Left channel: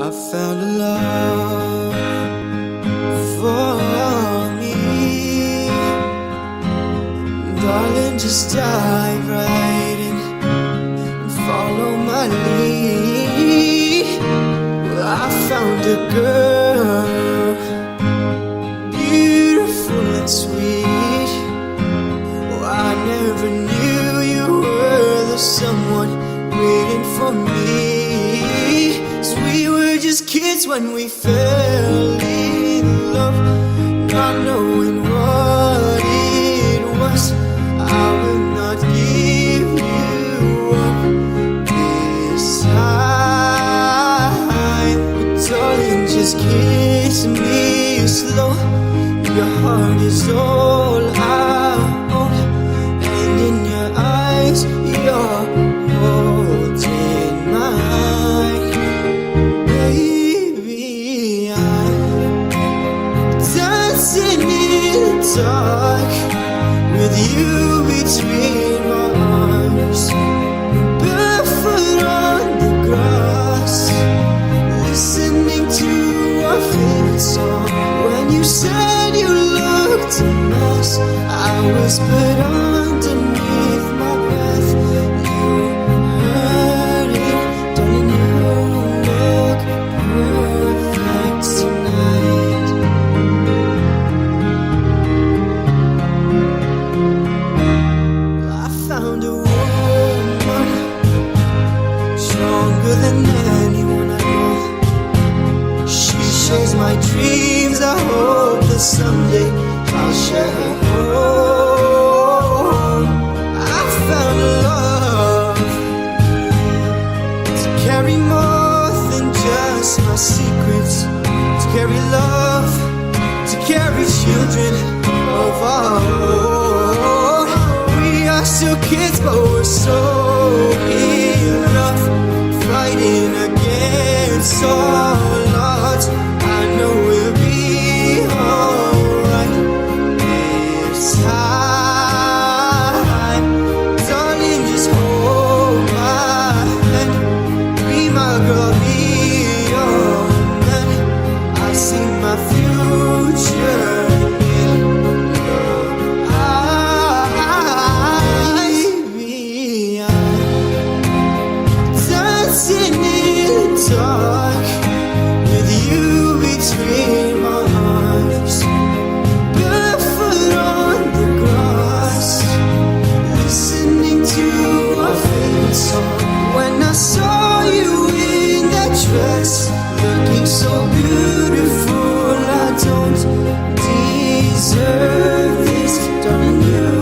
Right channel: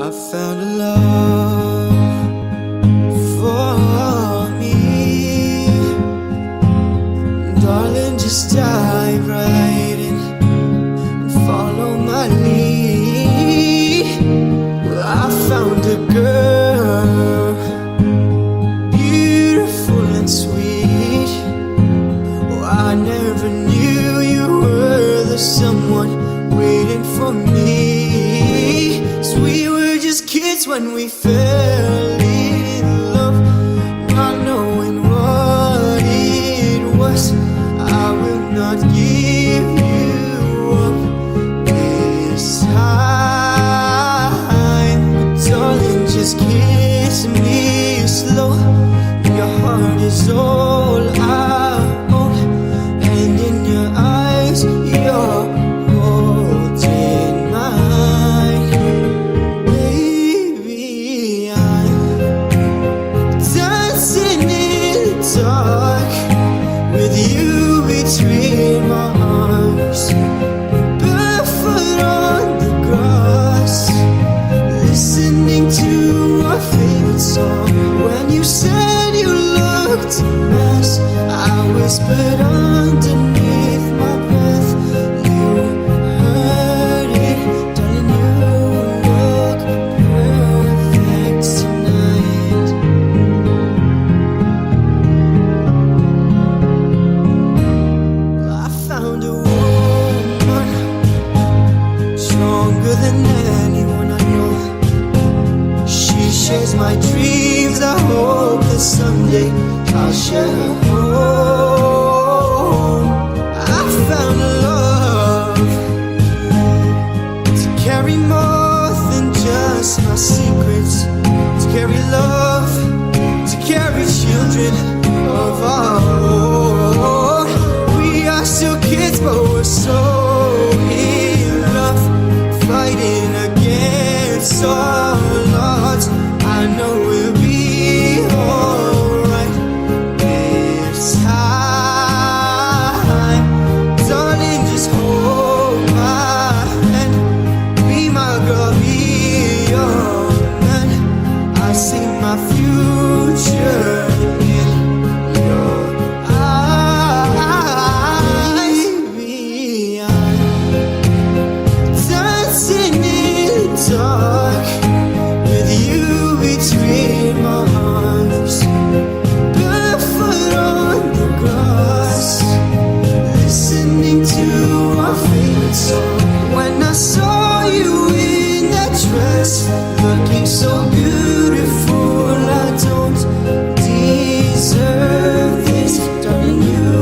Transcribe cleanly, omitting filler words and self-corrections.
I found a love for me. Darling, just dive right in and follow my lead. Well, I found a girl, beautiful and sweet. Oh, I never knew you were the someone waiting for me. 'Cause we were just kids when we fell in love, not knowing what it was. I will not give you up this time. But darling, just kiss me slow. Your heart is all I own, and in your eyes you're holding mine. Baby, I'm dancing in the dark with you between my arms, barefoot on the grass, listening to our favorite song. When you said you looked a mess, I whispered underneath my breath, you heard it, darling, you look perfect tonight. I found a woman stronger than anyone I know. She shares my dreams. I hope that someday I'll share her home. I found a love to carry more than just my secrets, to carry love, to carry children of our own. We are still kids, but we're so in love, fighting against all odds. I know we'll be alright this time. Darling, just hold my hand, be my girl, be your man. I see my future in your eyes. Baby, I'm dancing in the dark with you between my arms, barefoot on the grass, listening to our favorite song. When I saw you in that dress, looking so beautiful, I don't deserve this, darling, you